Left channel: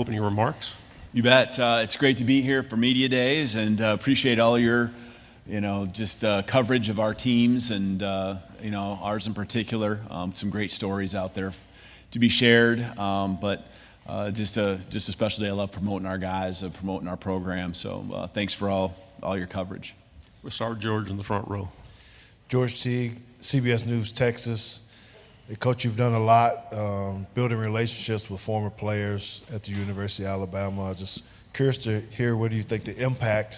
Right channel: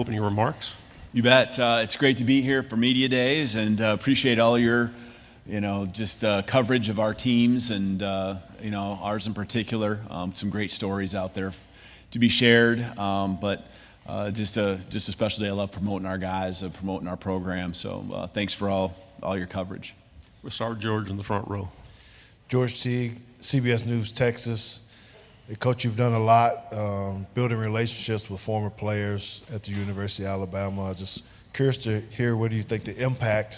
Opening remarks. You bet. It's great to be here for Media Days, and appreciate all your, coverage of our teams and, ours in particular. Some great stories out there to be shared, but just a special day. I love promoting our guys, promoting our program. So thanks for all your coverage. We'll start with George in the front row. George Teague, CBS News, Texas. Coach, you've done a lot building relationships with former players at the University of Alabama. Just curious to hear, what do you think the impact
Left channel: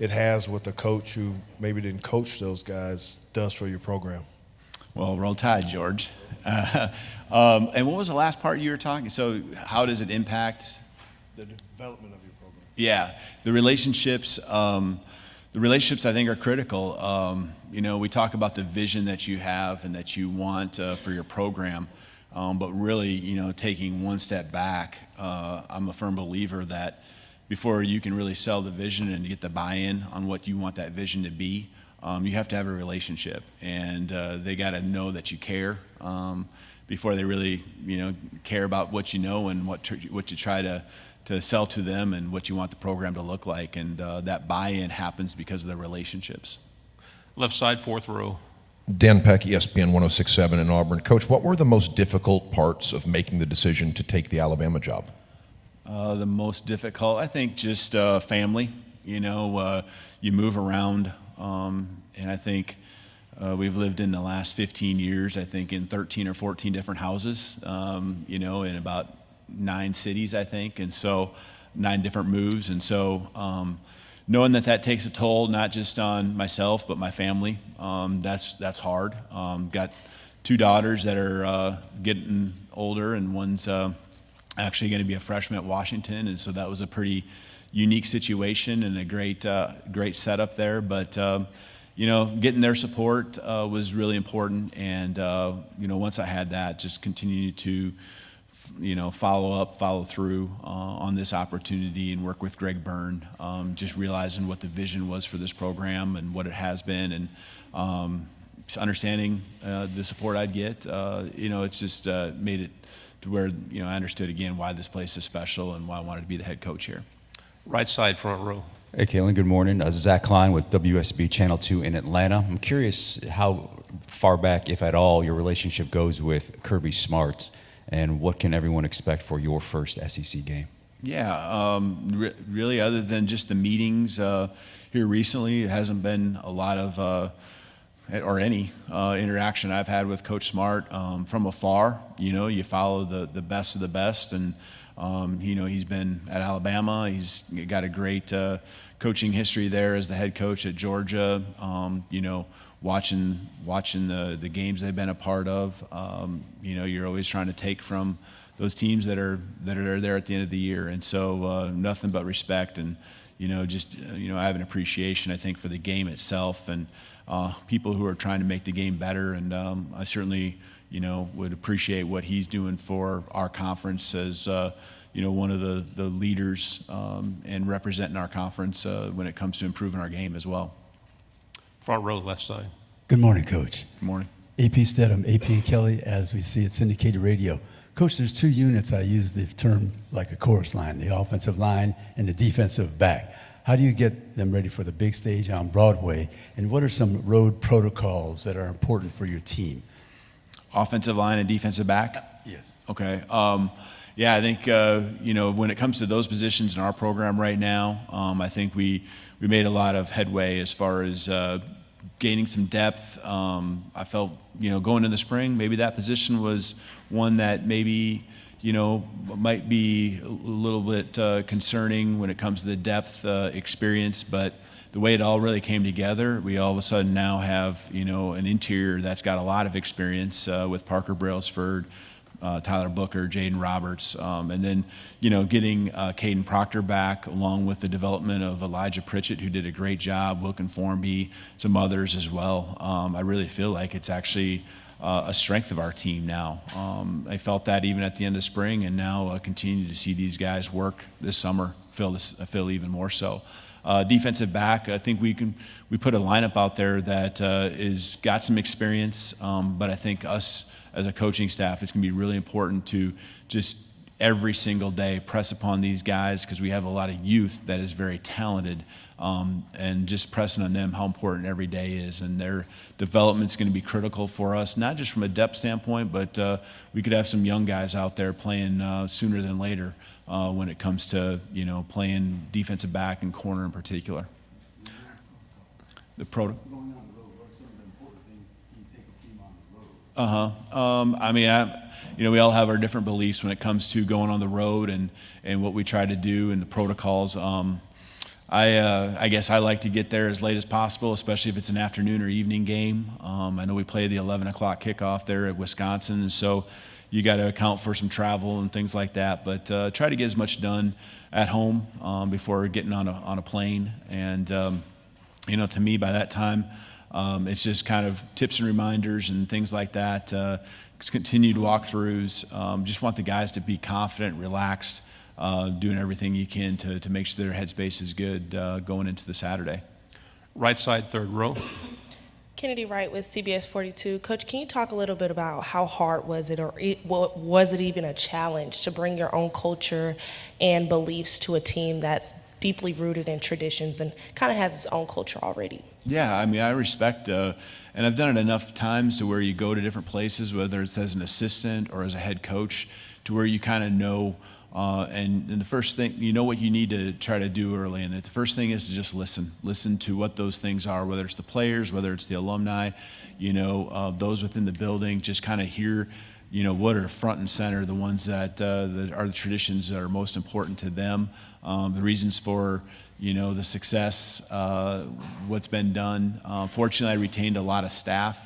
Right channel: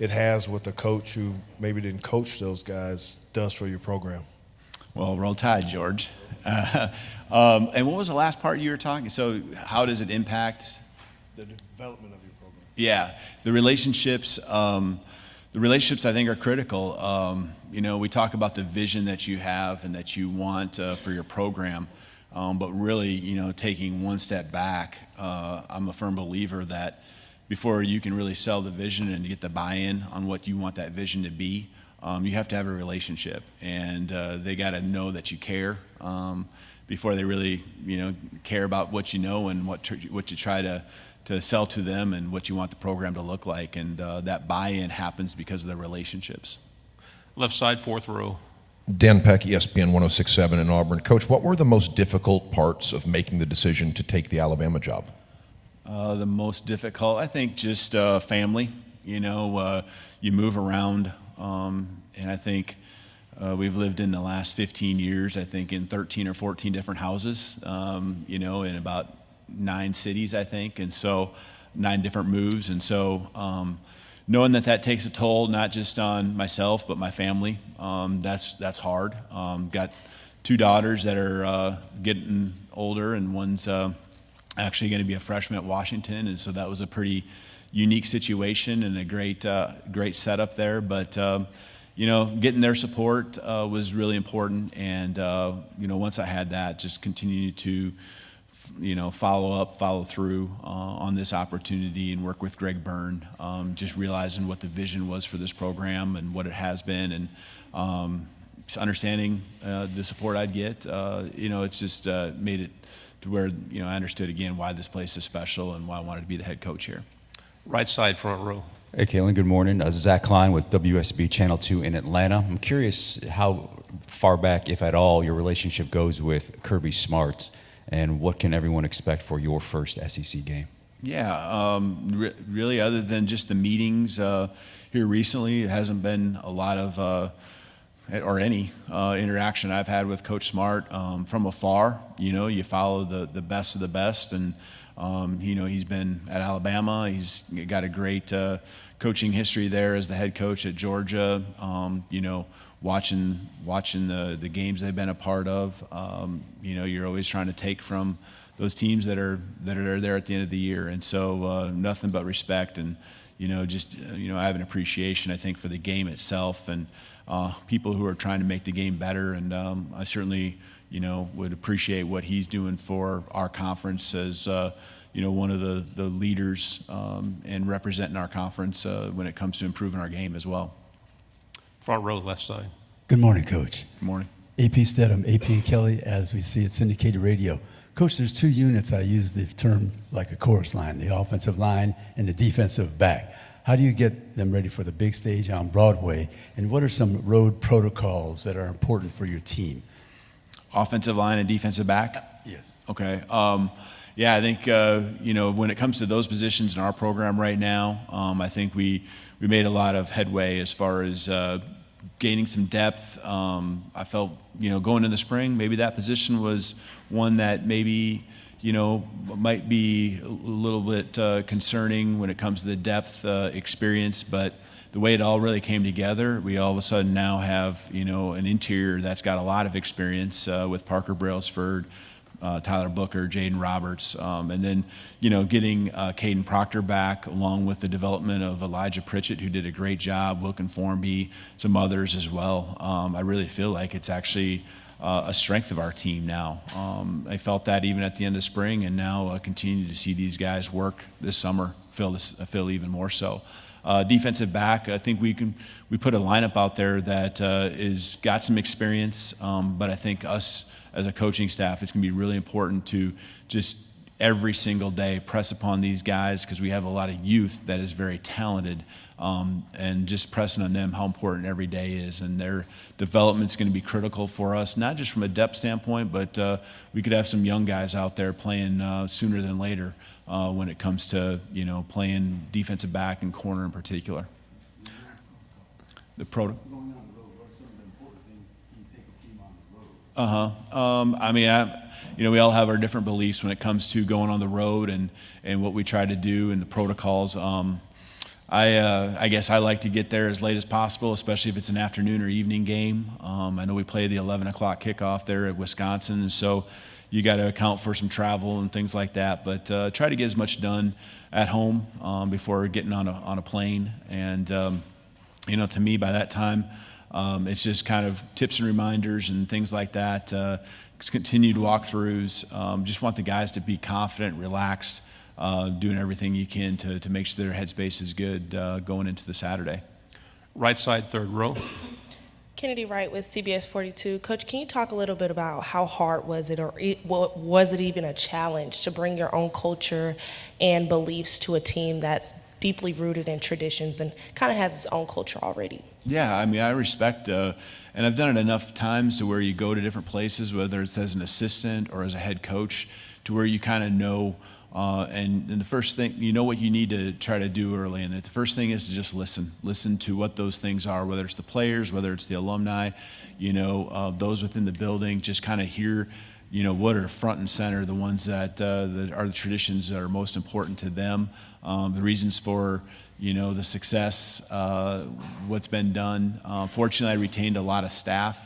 it has with a coach who maybe didn't coach those guys does for your program? Well, roll tide, George. And what was the last part you were talking? So how does it impact? The development of your program. Yeah, the relationships. The relationships, I think, are critical. We talk about the vision that you have and that you want for your program, but really, taking one step back, I'm a firm believer that before you can really sell the vision and get the buy-in on what you want that vision to be, you have to have a relationship, and they got to know that you care before they really, care about what you know and what you try to sell to them and what you want the program to look like, and that buy-in happens because of the relationships. Left side, fourth row. Dan Peck, ESPN 106.7 in Auburn. Coach, what were the most difficult parts of making the decision to take the Alabama job? The most difficult, I think, just family. You move around, and I think we've lived in the last 15 years, I think, in 13 or 14 different houses, in about 9 cities, I think, and so 9 different moves. And so knowing that takes a toll, not just on myself, but my family, that's hard. Got 2 daughters that are getting older, and one's actually going to be a freshman at Washington, and so that was a pretty unique situation and a great setup there. But getting their support was really important, and once I had that, just continue to follow through on this opportunity and work with Greg Byrne, just realizing what the vision was for this program and what it has been, and just understanding the support I'd get. It's just made it to where, I understood again why this place is special and why I wanted to be the head coach here. Right side, front row. Hey, Kalen, good morning. Zach Klein with WSB Channel 2 in Atlanta. I'm curious how far back, if at all, your relationship goes with Kirby Smart, and what can everyone expect for your first SEC game? Yeah, really, other than just the meetings here recently, it hasn't been a lot of or any interaction I've had with Coach Smart from afar. You follow the best of the best, and he's been at Alabama. He's got a great coaching history there as the head coach at Georgia. Watching the games they've been a part of, you're always trying to take from those teams that are there at the end of the year, and so nothing but respect, and I have an appreciation, I think, for the game itself and people who are trying to make the game better, and I certainly would appreciate what he's doing for our conference as one of the leaders and representing our conference when it comes to improving our game as well. Front row, left side. Good morning, Coach. Good morning. AP Stedham, AP Kelly, as we see at syndicated radio. Coach, there's 2 units. I use the term like a chorus line, the offensive line and the defensive back. How do you get them ready for the big stage on Broadway, and what are some road protocols that are important for your team? Offensive line and defensive back? Yes. Okay. Yeah, I think, when it comes to those positions in our program right now, I think we made a lot of headway as far as gaining some depth. I felt, going in the spring, maybe that position was one that maybe, might be a little bit concerning when it comes to the depth experience, but the way it all really came together, we all of a sudden now have, an interior that's got a lot of experience with Parker Brailsford, Tyler Booker, Jaden Roberts, and then, getting Caden Proctor back, along with the development of Elijah Pritchett, who did a great job, Wilkin Formby, some others as well. I really feel like it's actually a strength of our team now. I felt that even at the end of spring, and now continue to see these guys work this summer, I feel even more so. Defensive back, I think we put a lineup out there that is got some experience, but I think us as a coaching staff, it's going to be really important to just every single day, press upon these guys because we have a lot of youth that is very talented, and just pressing on them how important every day is. And their development's going to be critical for us, not just from a depth standpoint, but we could have some young guys out there playing sooner than later when it comes to, playing defensive back and corner in particular. The pro. We all have our different beliefs when it comes to going on the road and what we try to do and the protocols. I guess I like to get there as late as possible, especially if it's an afternoon or evening game. I know we play the 11 o'clock kickoff there at Wisconsin, so you got to account for some travel and things like that. But try to get as much done at home before getting on a plane. And to me, by that time, it's just kind of tips and reminders and things like that. Continued walkthroughs. Just want the guys to be confident, relaxed, doing everything you can to make sure their headspace is good going into the Saturday. Right side, third row. Kennedy Wright with CBS 42. Coach, can you talk a little bit about how hard was it, or was it even a challenge to bring your own culture and beliefs to a team that's deeply rooted in traditions and kind of has its own culture already? Yeah, I respect, and I've done it enough times to where you go to different places, whether it's as an assistant or as a head coach, to where you kind of know, and the first thing, what you need to try to do early, and the first thing is to just listen to what those things are, whether it's the players, whether it's the alumni, those within the building, just kind of hear, what are front and center, the ones that are the traditions that are most important to them, the reasons for, the success, what's been done. Fortunately, I retained a lot of staff,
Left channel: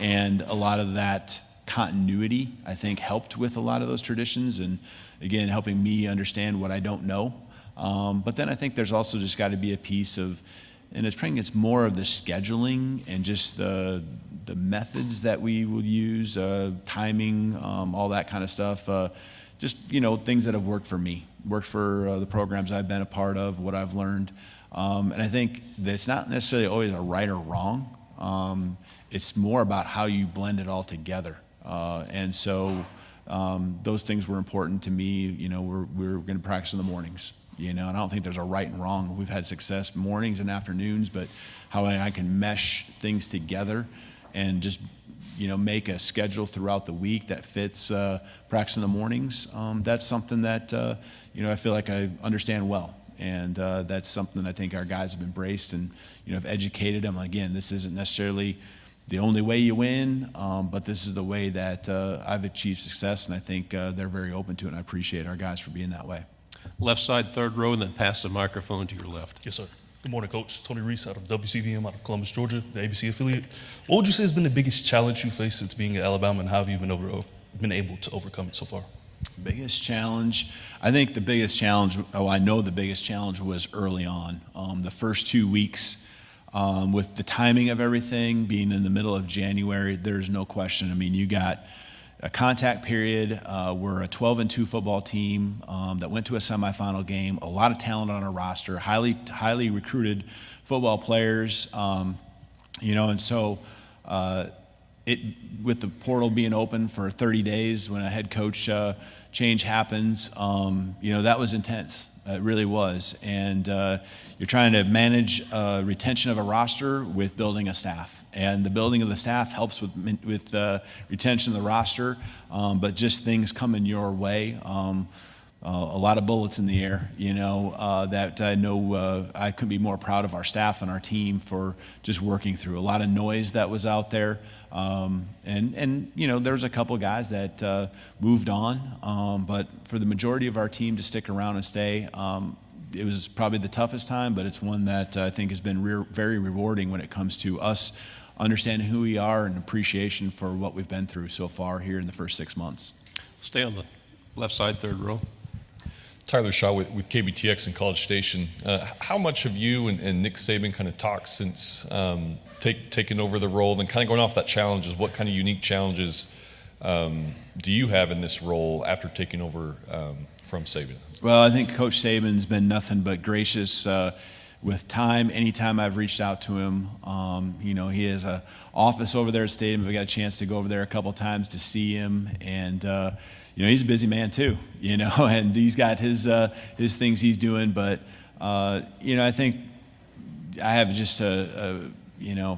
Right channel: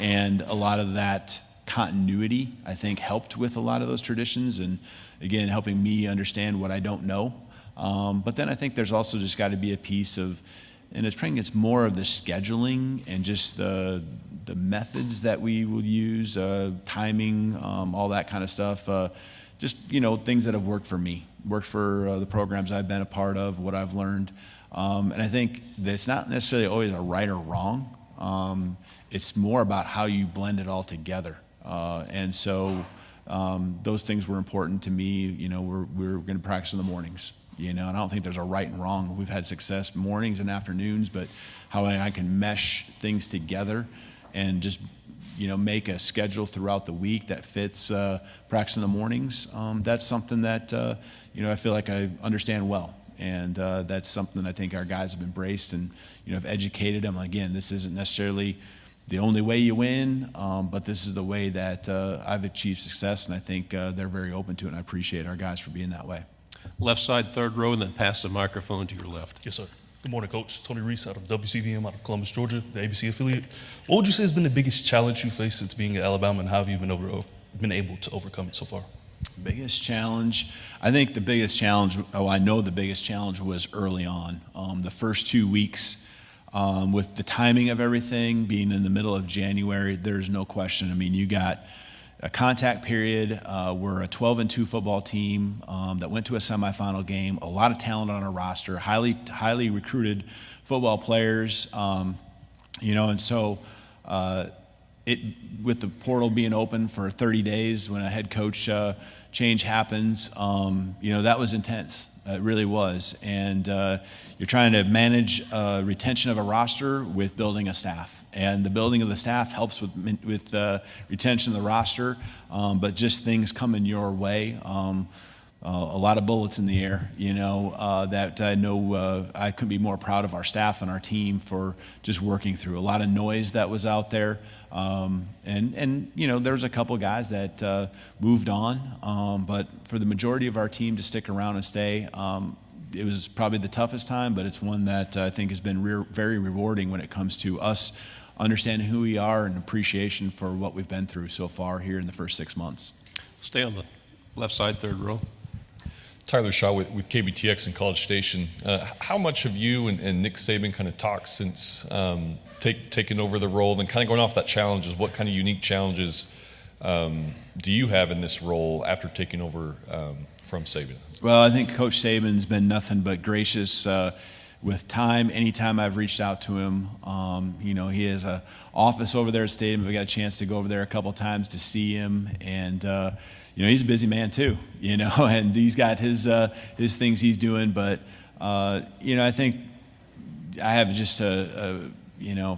and a lot of that continuity, I think, helped with a lot of those traditions, and again, helping me understand what I don't know. But then I think there's also just got to be a piece of, and it's more of the scheduling and just the methods that we will use, timing, all that kind of stuff. Just things that have worked for me, worked for the programs I've been a part of, what I've learned, and I think that it's not necessarily always a right or wrong. It's more about how you blend it all together, and so those things were important to me. We're going to practice in the mornings. And I don't think there's a right and wrong. We've had success mornings and afternoons, but how I can mesh things together and just make a schedule throughout the week that fits practice in the mornings. That's something that I feel like I understand well, and that's something I think our guys have embraced and have educated them. Again, this isn't necessarily the only way you win, but this is the way that I've achieved success, and I think they're very open to it, and I appreciate our guys for being that way. Left side, third row, and then pass the microphone to your left. Yes, sir. Good morning, Coach. Tony Reese out of WCVM out of Columbus, Georgia, the ABC affiliate. What would you say has been the biggest challenge you faced since being at Alabama, and how have you been able to overcome it so far? Biggest challenge? I think the biggest challenge, I know the biggest challenge was early on. The first 2 weeks, with the timing of everything being in the middle of January, there's no question. You got a contact period. We're a 12-2 football team that went to a semifinal game. A lot of talent on our roster, highly recruited football players. And so with the portal being open for 30 days, when a head coach change happens, that was intense. It really was. And you're trying to manage retention of a roster with building a staff. And the building of the staff helps with retention of the roster, but just things coming your way. A lot of bullets in the air, that I know I couldn't be more proud of our staff and our team for just working through. A lot of noise that was out there. And there was a couple guys that moved on, but for the majority of our team to stick around and stay, it was probably the toughest time, but it's one that I think has been very rewarding when it comes to us understanding who we are and appreciation for what we've been through so far here in the first 6 months. Stay on the left side, third row. Tyler Shaw with KBTX in College Station. How much have you and Nick Saban kind of talked since taking over the role, and kind of going off that challenges? What kind of unique challenges do you have in this role after taking over from Saban? Well, I think Coach Saban's been nothing but gracious with time. Anytime I've reached out to him, he has an office over there at Stadium. I got a chance to go over there a couple times to see him, and he's a busy man too, and he's got his things he's doing. But, I think I have just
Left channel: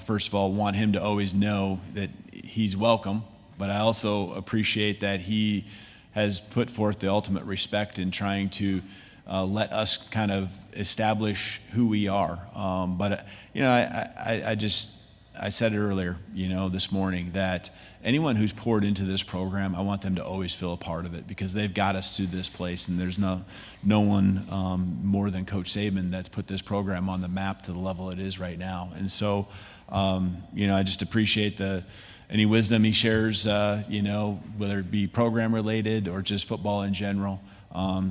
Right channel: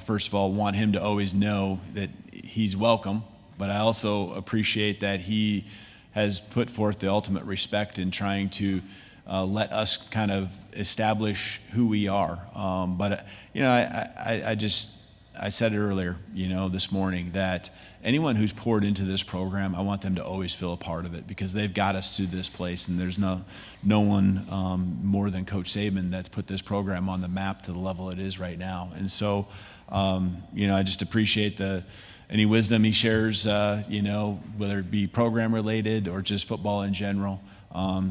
first of all, want him to always know that he's welcome, but I also appreciate that he has put forth the ultimate respect in trying to let us kind of establish who we are. But I said it earlier, this morning, that anyone who's poured into this program, I want them to always feel a part of it, because they've got us to this place, and there's no one more than Coach Saban that's put this program on the map to the level it is right now. And so, I just appreciate any wisdom he shares, whether it be program related or just football in general.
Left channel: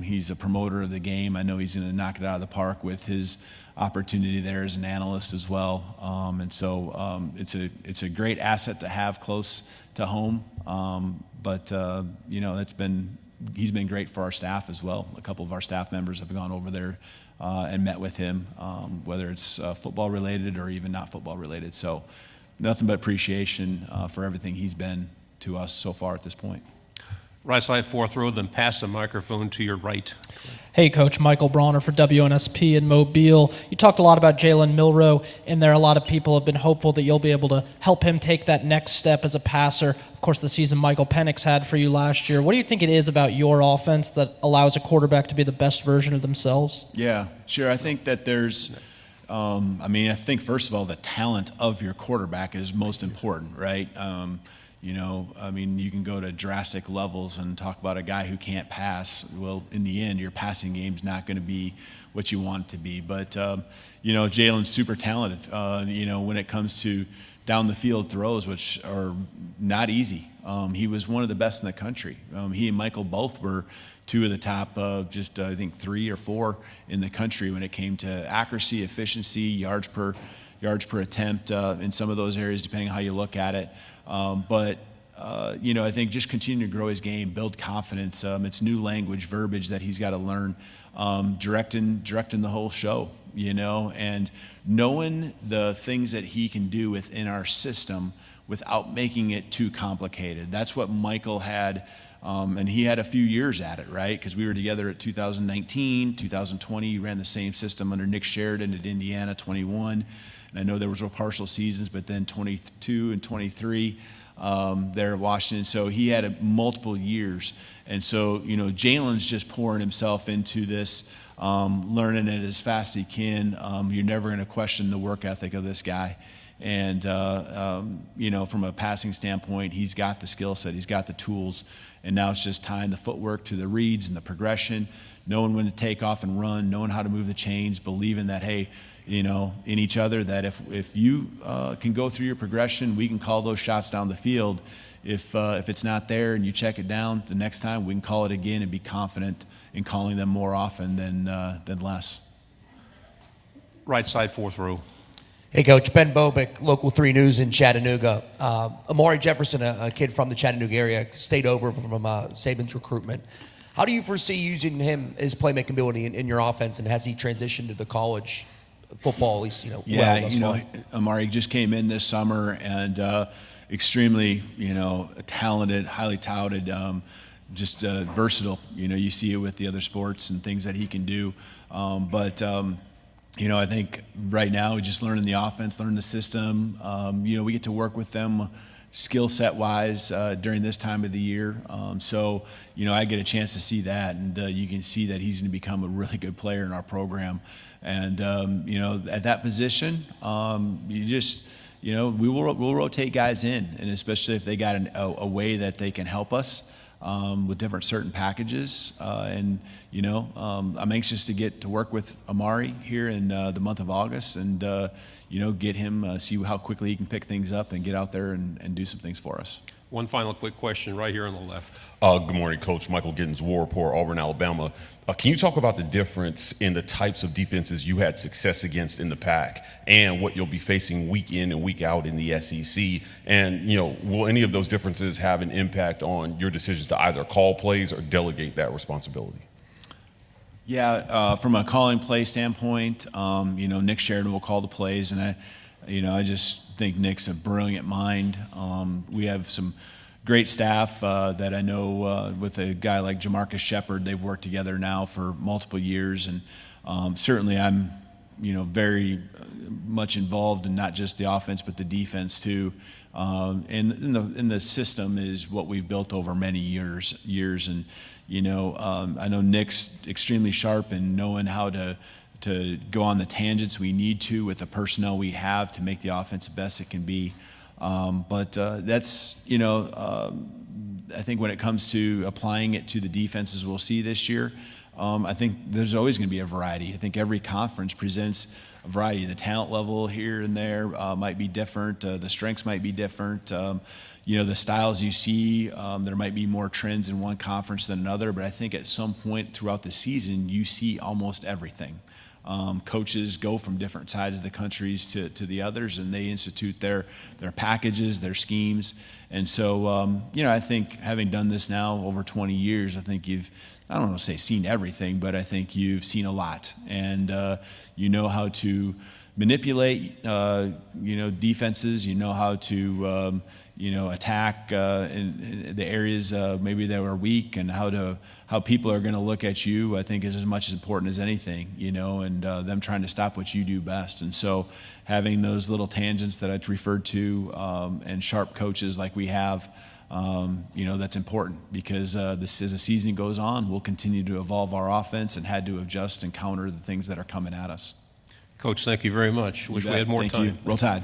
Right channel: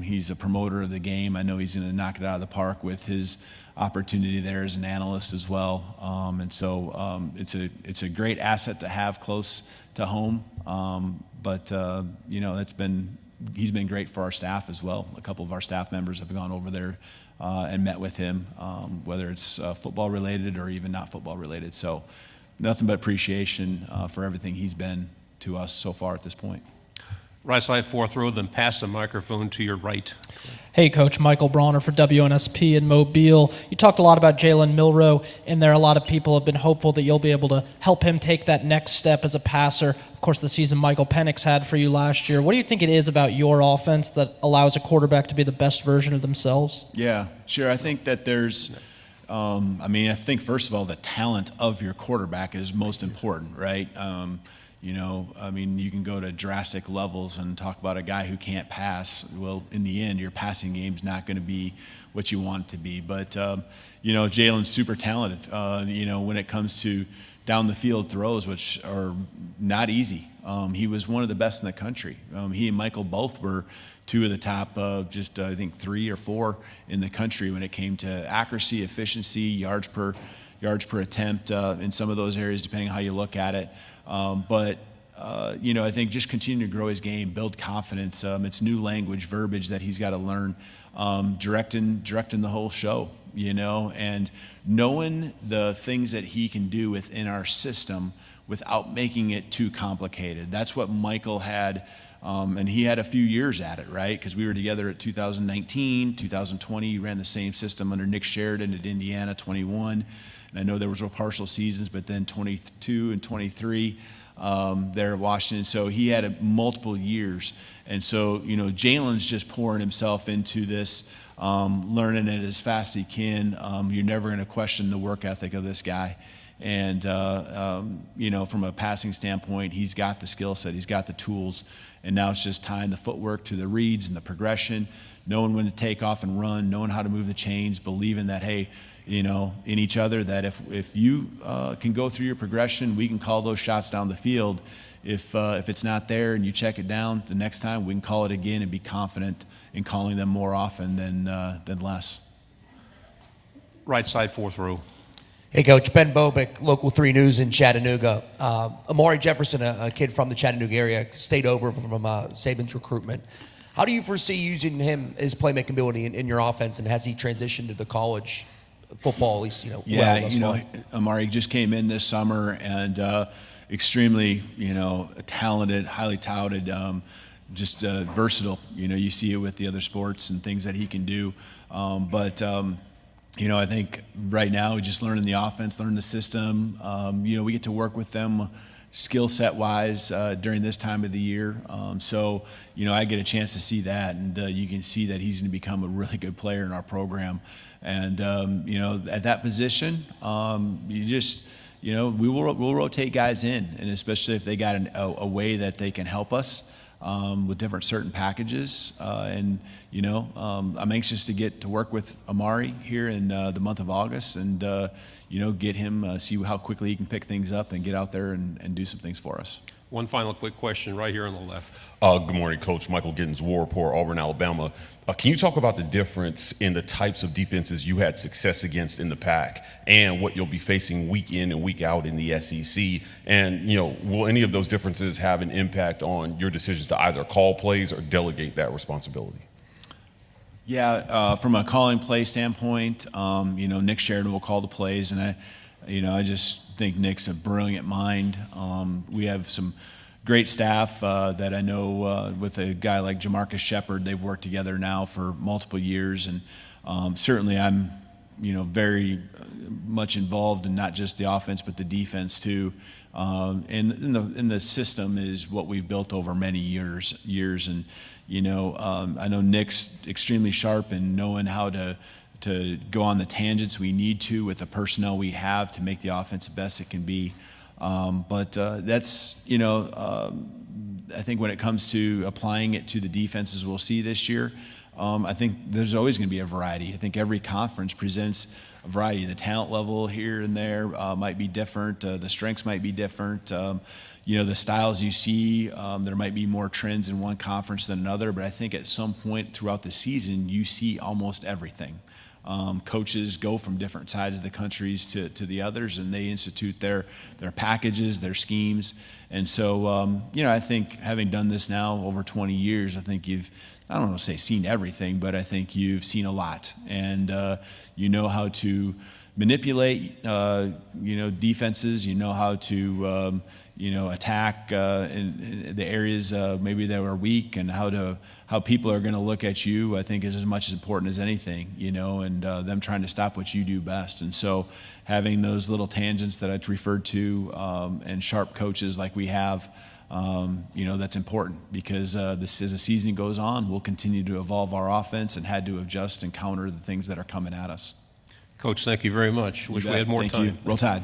He's a promoter of the game. I know he's going to knock it out of the park with his opportunity there as an analyst as well. And so it's a great asset to have close to home. But he's been great for our staff as well. A couple of our staff members have gone over there and met with him, whether it's football related or even not football related. So nothing but appreciation for everything he's been to us so far at this point. Right side, fourth row, then pass the microphone to your right. Hey, Coach. Michael Bronner for WNSP in Mobile. You talked a lot about Jalen Milroe in there. A lot of people have been hopeful that you'll be able to help him take that next step as a passer. Of course, the season Michael Penix had for you last year. What do you think it is about your offense that allows a quarterback to be the best version of themselves? Yeah, sure. I think that there's I think, first of all, the talent of your quarterback is most important, right? You can go to drastic levels and talk about a guy who can't pass. Well, in the end, your passing game's not going to be what you want it to be. But, Jalen's super talented, when it comes to down the field throws, which are not easy. He was one of the best in the country. He and Michael both were two of the top, I think 3 or 4 in the country when it came to accuracy, efficiency, yards per attempt in some of those areas, depending on how you look at it. I think just continue to grow his game, build confidence. It's new language, verbiage that he's got to learn, directing the whole show, and knowing the things that he can do within our system without making it too complicated. That's what Michael had. And he had a few years at it, right? Because we were together at 2019, 2020. He ran the same system under Nick Sheridan at Indiana, 21. And I know there were partial seasons, but then 22 and 23 there at Washington. So he had multiple years. And so, Jalen's just pouring himself into this, learning it as fast as he can. You're never going to question the work ethic of this guy. And, from a passing standpoint, he's got the skill set, he's got the tools, and now it's just tying the footwork to the reads and the progression, knowing when to take off and run, knowing how to move the chains, believing that, hey, in each other, that if you can go through your progression, we can call those shots down the field. If it's not there and you check it down, the next time we can call it again and be confident in calling them more often than less. Right side, fourth row. Hey, Coach. Ben Bobick, Local 3 News in Chattanooga. Amari Jefferson, a kid from the Chattanooga area, stayed over from Saban's recruitment. How do you foresee using him, his playmaking ability in your offense, and has he transitioned to the college football, at least, Amari just came in this summer and extremely, talented, highly touted, just versatile. You see it with the other sports and things that he can do. I think right now, just learning the offense, learning the system. We get to work with them skill set wise during this time of the year. I get a chance to see that, and you can see that he's going to become a really good player in our program. And, at that position, we'll rotate guys in, and especially if they got a way that they can help us. With different certain packages. I'm anxious to get to work with Amari here in the month of August and, get him, see how quickly he can pick things up and get out there and do some things for us. One final quick question right here on the left. Good morning, Coach. Michael Gittins, War Report, Auburn, Alabama. Can you talk about the difference in the types of defenses you had success against in the PAC and what you'll be facing week in and week out in the SEC? And, will any of those differences have an impact on your decisions to either call plays or delegate that responsibility? Yeah, from a calling play standpoint, Nick Sheridan will call the plays, and I just think Nick's a brilliant mind. We have some great staff that I know with a guy like Jamarcus Shepard. They've worked together now for multiple years, and certainly I'm, very much involved in not just the offense but the defense too. And the system is what we've built over many years, and I know Nick's extremely sharp in knowing how to go on the tangents we need to with the personnel we have to make the offense the best it can be. But that's, I think when it comes to applying it to the defenses we'll see this year, I think there's always going to be a variety. I think every conference presents a variety. The talent level here and there might be different. The strengths might be different. The styles you see, there might be more trends in one conference than another, but I think at some point throughout the season, you see almost everything. Coaches go from different sides of the countries to the others, and they institute their packages, their schemes. And so, I think having done this now over 20 years, I think I don't want to say seen everything, but I think you've seen a lot. And you know how to manipulate, defenses. You know how to, attack in the areas maybe that were weak, and how people are going to look at you, I think, is as much as important as anything, and them trying to stop what you do best. And so having those little tangents that I referred to and sharp coaches like we have, that's important, because as the season goes on, we'll continue to evolve our offense and had to adjust and counter the things that are coming at us. Coach, thank you very much. Wish we had more time. Thank you. Roll Tide.